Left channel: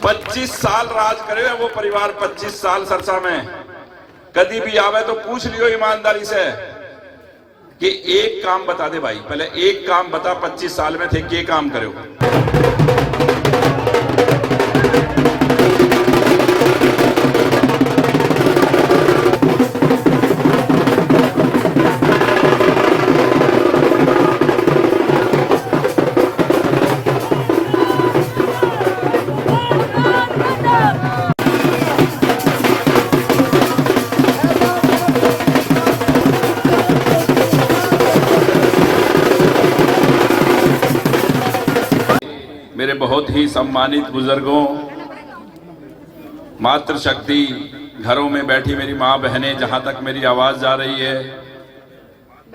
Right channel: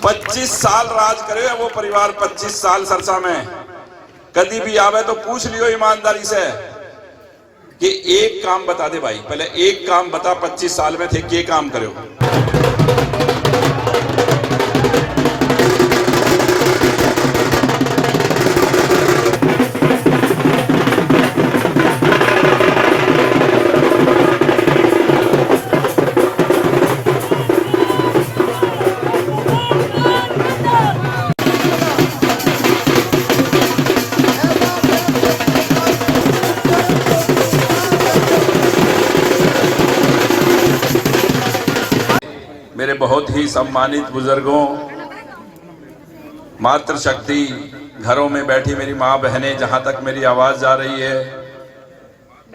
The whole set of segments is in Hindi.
25 साल राज करे वो परिवार, 25 साल सरसा में। कभी भी आवे तो पूछ लियो ईमानदारी से कि एक काम बता दे भाई, पहले एक काम बता 25 साल में थे के काम करे हो। मेरे बहुत ही सम्मानित बुजुर्गों, मातृशक्ति, घरों में बैठी मेरी माँ बहनें, जहाँ तक मेरी आवाज़ जा रही है,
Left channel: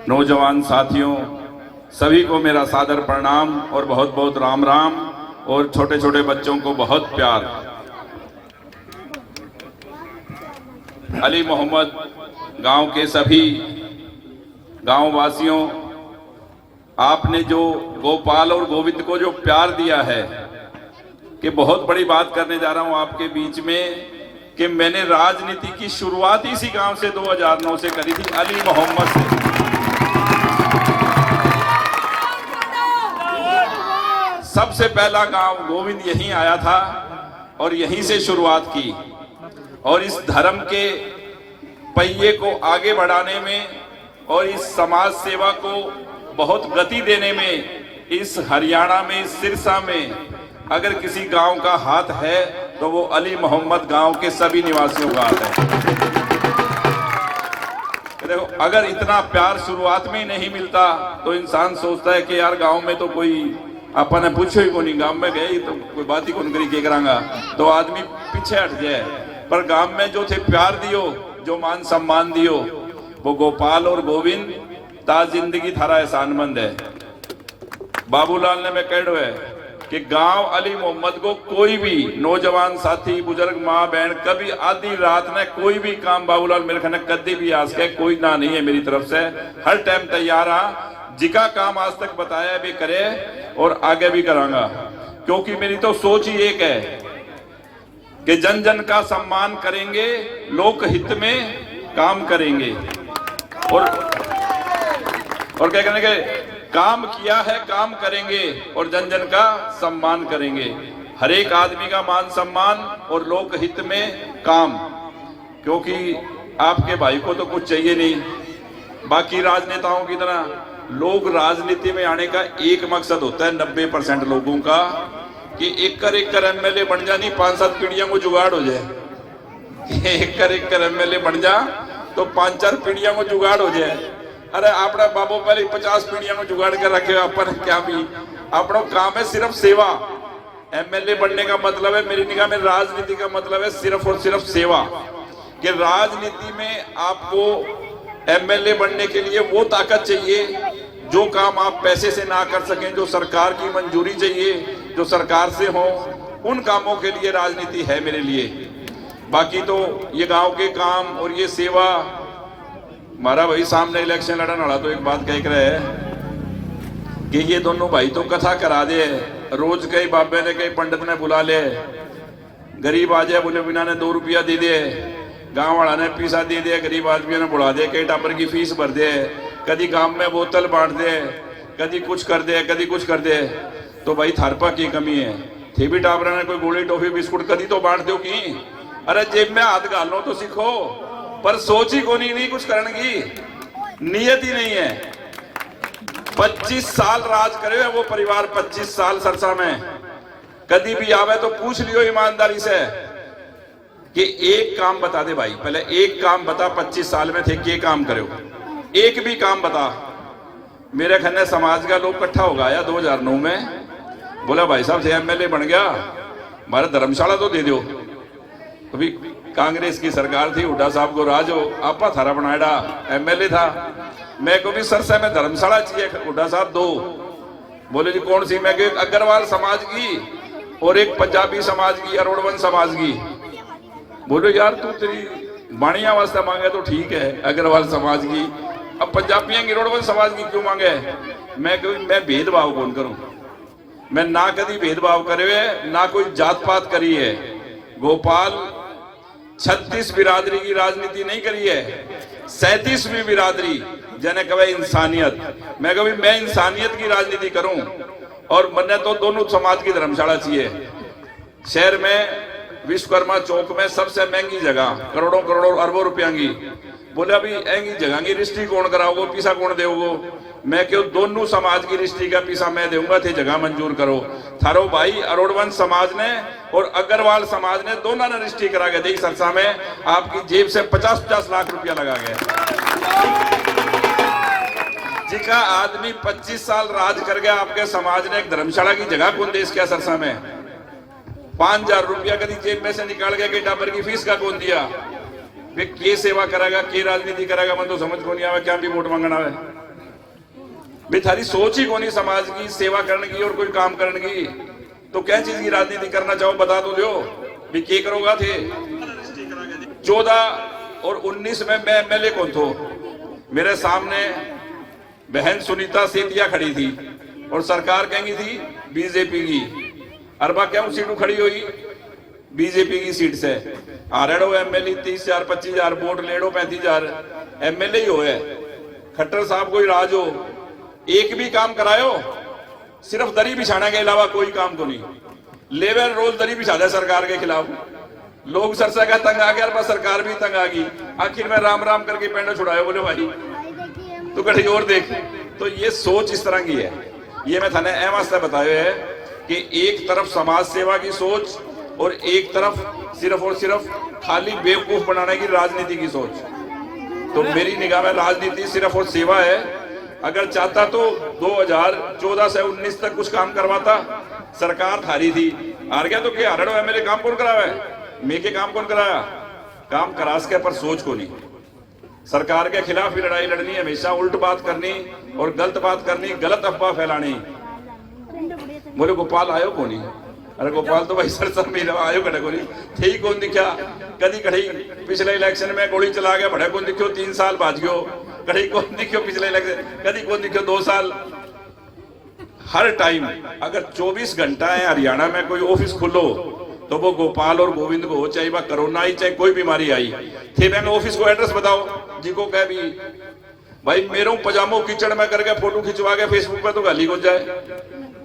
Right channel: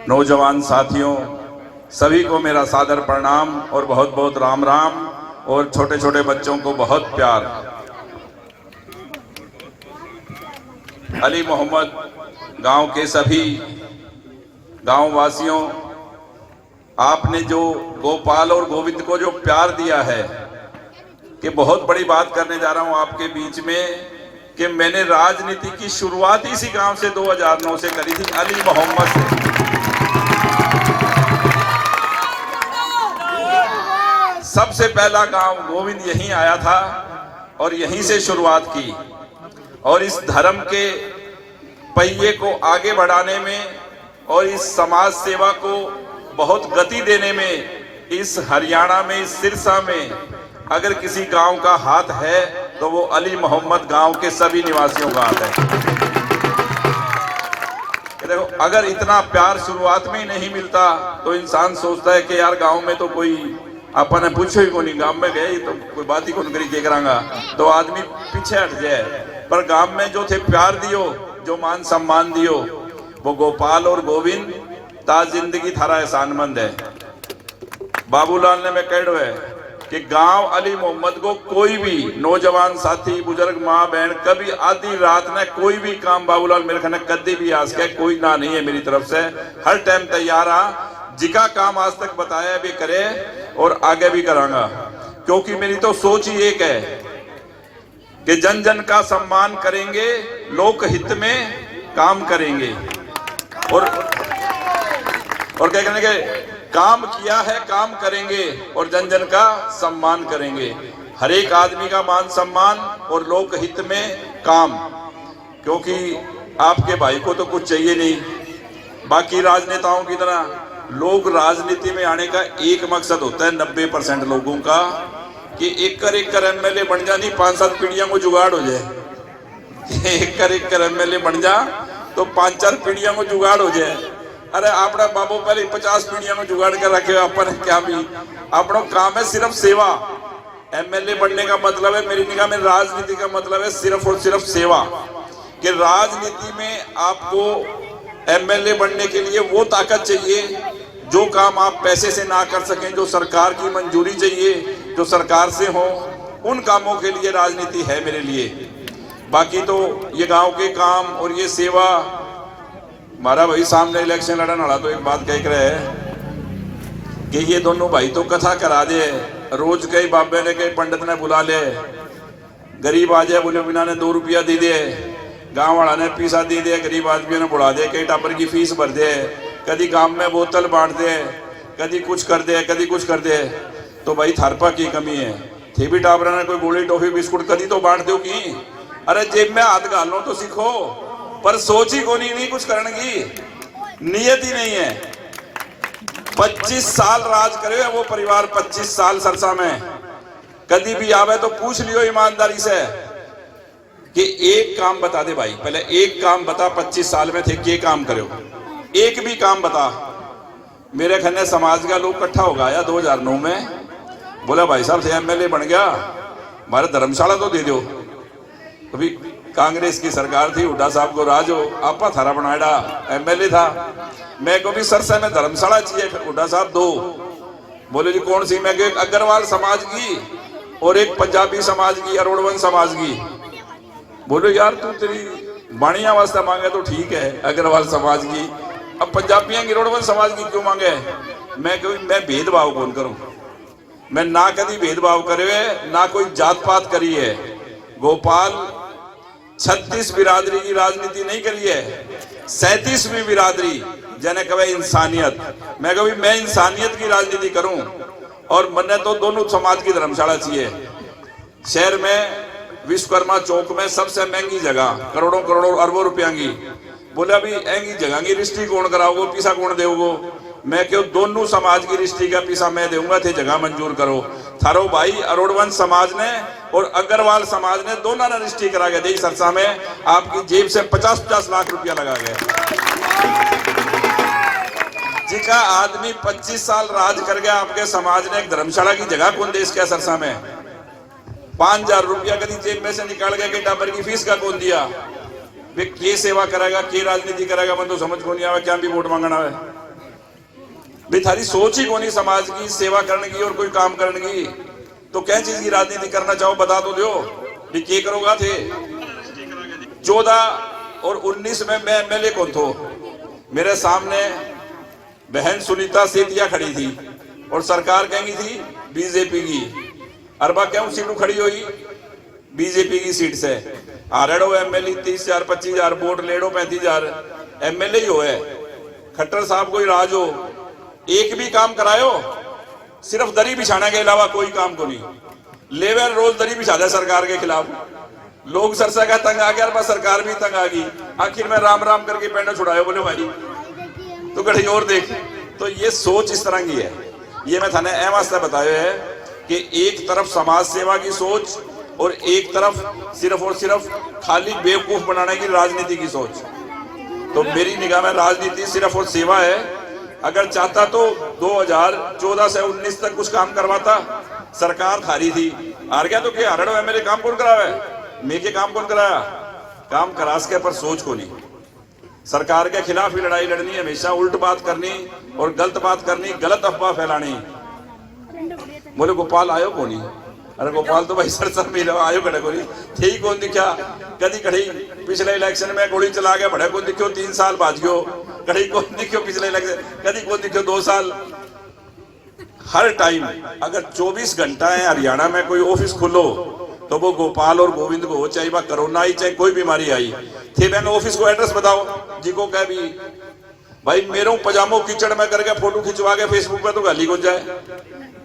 नौजवान साथियों, सभी को मेरा सादर प्रणाम और बहुत बहुत राम राम, और छोटे छोटे बच्चों को बहुत प्यार। अली मोहम्मद गांव के सभी गांव वासियों, आपने जो गोपाल और गोविंद को जो प्यार दिया है, कि बहुत बड़ी बात करने जा रहा हूं आपके बीच में, कि मैंने राजनीति की शुरुआत इसी गांव से 2009 से करी थी, अली मोहम्मद से। सबसे पहला गांव गोविंद यहीं आया था और यहीं से शुरुआत की, और इस धर्म के पहिए को आगे बढ़ाने में और इस समाज सेवा को बहुत गति देने में इस हरियाणा में, सिरसा में अगर किसी गांव का हाथ है तो वो अली मोहम्मद गांव के सभी निवासियों का हाथ है। देखो, अगर इतना प्यार शुरुआत में ही नहीं मिलता तो इंसान सोचता है कि यार गांव में तो कोई अपन पूछो ही को नहीं, गांव में गए तो कोई बात ही कौन करी के करांगा, तो आदमी पीछे हट जाए। पर गांव में जो थे प्यार दियो, जो मान सम्मान दियो, वो गोपाल और गोविंद ता जिंदगी थारा एहसानमंद है। बाबूलाल ने मैं कह है कि गांव अली मोहम्मद को कोई भी नौजवान साथी, बुजुर्ग, माँ बहन, कभी आधी रात में कोई भी काम बाबूलाल मेरे खाने कभी भी आज के कोई ना नहीं है मेरी तरफ से, हर टाइम तैयार आ, जिका काम आज तक बताया भी करे और आगे भी करांगा। क्योंकि मेरी तो सोच ही एक है कि जन जन का सम्मान करेंगे, लोक हित में काम करेंगे, और क्या करने के काम किया है, काम करेंगे और जन जन का सम्मान करेंगे। हर एक आदमी का मान सम्मान और लोक हित में काम, क्योंकि आपके भाई को तो कुछ चाहिए नहीं। बाकी राजनेताओं की तरह लोग राजनीति में आने का एक मकसद होता है 90% लोगों का, कि एक कर एमएलए बन जा, नहीं 5-7 पीढ़ियों को जुगाड़ हो जाए। एक कर एमएलए बन जा तो 5-4 पीढ़ियों को जुगाड़ हो जाए। अरे अपना बाबू पहले 50 पीढ़ियों में जुगाड़ कर रखे हो अपन, क्या भी अपना काम है सिर्फ सेवा। एमएलए बनने का मतलब है मेरी निगाह में, राजनीति का मतलब है सिर्फ और सिर्फ सेवा। कि राजनीति में आपको एमएलए बनने के लिए वो ताकत चाहिए, जो काम आप पैसे से ना कर सकें, जो सरकार की मंजूरी चाहिए, जो सरकार से हो, उन कामों के लिए राजनीति है मेरे लिए। बाकी तो ये गांव के काम और ये सेवा, हमारा भाई सामने इलेक्शन लड़ने वाला तो एक बात कह रहे हैं कि ये दोनों भाई तो कथा करा दे, रोज कई बाबे ने कई पंडित ने बुला ले, गरीब आ जाए बोले बिना ने 2 रुपया दे दे, गांव वाला ने पैसा दे दे, गरीब आदमियों ने बुला दे, कई टापर की फीस भर दे, कभी गांव में बोतल बांट दे, कभी कुछ कर दे, कभी कुछ कर दे। तो भाई थारपा की कमी है, थे भी टापर ने कोई गोली टॉफी बिस्कुट कभी तो बांट दो की। अरे जेब में हाथ डालो तो सीखो, पर सोच ही को नहीं कुछ करने की नियत ही नहीं है। 25 साल राज करे वो परिवार, 25 साल सरसा में। कभी भी आवे तो पूछ लियो ईमानदारी से कि एक काम बता दे भाई, पहले एक काम बता 25 साल में थे के काम करे हो, एक भी काम बता। मेरे खन्ने समाज का लोग इकट्ठा हो गया 2009 में, बोला भाई साहब से एमएलए बन गया, हमारे धर्मशाला तो दे दो। अभी कांग्रेस की सरकार थी, हुड्डा साहब को राज हो, आपा थारा बनाया एमएलए था। मैं को भी सरसा में धर्मशाला चाहिए, हुड्डा साहब दो। बोले जी कौन सी? मैं अग्रवाल समाज की और एक पंजाबी समाज की, अरोड़वन समाज की। बोले यार तू तेरी बाणिया वास्ता मांगे तो ठीक है, अग्रवाल समाज की, अब पंजाबियां की अरोड़वन समाज की क्यों मांगे? मैं भेदभाव कौन करूं? मैं ना कभी भेदभाव करे है, ना कोई जात पात करी है। गोपाल 36 बिरादरी की राजनीति नहीं करी है, 37वीं बिरादरी जने कहे इंसानियत। मैं कभी मैं इंसानियत की राजनीति करूं और मन्ने तो दोनों समाज की धर्मशाला चाहिए। शहर में विश्वकर्मा चौक में सबसे महंगी जगह, करोड़ों करोड़ों अरबों रुपया की, बोले अभी महंगी जगह की रिश्ती कौन कराओगो, पीसा कौन देवगो। मैं क्यों दोनों समाज की रिश्ती का पीसा मैं दूंगा, थे जगह मंजूर करो। थारो भाई अरोड़वंश समाज ने और अग्रवाल समाज ने दोनों ने रिश्ती करा के दी। सरसा में आपकी जेब से 50-50 लाख रुपया लगा गया। जिका आदमी 25 साल राज कर गया आपके समाज ने एक धर्मशाला की जगह कौन देश के सरसा में 5,000 रुपया कभी जेब में से निकाल के टाबर की फीस का कौन दिया। वे के सेवा करेगा, के राजनीति करेगा, मन तो समझ को नहीं आवे, क्या भी वोट मांगना है। भाई थारी सोच ही कोनी समाज की सेवा करने की और कोई काम करने की, तो क्या चीज की राजनीति करना चाहो बता तो दो भी के करोगा थे। 14 और 19 में मैं एमएलए कौन थो, मेरे सामने बहन सुनीता सेतिया खड़ी थी और सरकार कहेंगी थी बीजेपी की। अरबा क्यों सीटू खड़ी हुई, बीजेपी की सीट से आरेडो एमएलए 30,000 25,000 वोट लेडो 35,000 एमएलए ही हो है। खट्टर साहब कोई राज हो, एक भी काम करायो, सिर्फ दरी बिछाने के अलावा कोई काम तो नहीं। लेवल रोज दरी बिछा दे सरकार के खिलाफ। लोग सरसा का तंग आ गया, सरकार भी तंग आ गई। आखिर में राम राम करके पेंडा छुड़ायो, बोले भाई तो कहीं और देख। तो ये सोच इस तरह की है। ये मैं थाने ए वास्ते बताया है कि एक तरफ समाज सेवा की सोच और एक तरफ सिर्फ और सिर्फ खाली बेवकूफ बनाने की राजनीति की सोच। तो मेरी निगाह में राजनीति सिर्फ और सेवा है। अगर चाहता तो 2014 से 19 तक कुछ काम करवाता। सरकार थारी थी, हार गया तो क्या हरड़ो है, मेरे काम कौन करावा है, मैं के काम कौन कराया, काम करास के पर सोच को नहीं। सरकार के खिलाफ ही लड़ाई लड़नी, हमेशा उल्ट बात करनी और गलत बात करनी, गलत अफवाह फैलानी। बोले गोपाल आयो को नहीं, अरे गोपाल तो भाई सरसा मिला आयो कड़े को नहीं थे ही कौन दिखा। कदी कड़ी पिछले इलेक्शन में गोली चला गया, बड़े कौन दिखो 3 साल बाज गयो, कड़ी कौन दिखो पिछले इलेक्शन, कदी कौन दिखो 2 साल। हर टाइम अगर 24 घंटा है हरियाणा में कोई ऑफिस खुलो तो वो गोपाल और गोविंद को हो, चाहे वह कोरोना आई चाहे कोई बीमारी आई थे, मैंने ऑफिस को एड्रेस बताओ जी को कह भी भाई मेरे पजामो कीचड़ में करके फोटो खिंचवा के फेसबुक पे तो गाली हो जाए,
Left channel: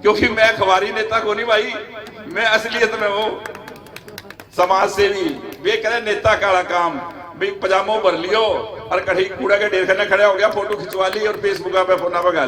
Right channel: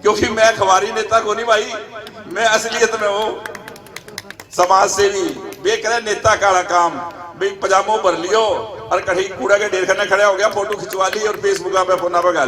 क्योंकि मैं खबारी नेता को नहीं भाई, मैं असलियत में हूँ समाज सेवी। वे करे नेता का काम भाई पजामो भर लियो और कहीं कूड़ा के ढेर खाने खड़ा हो गया, फोटो खिंचवा ली और फेसबुक पे फोना पे गाली।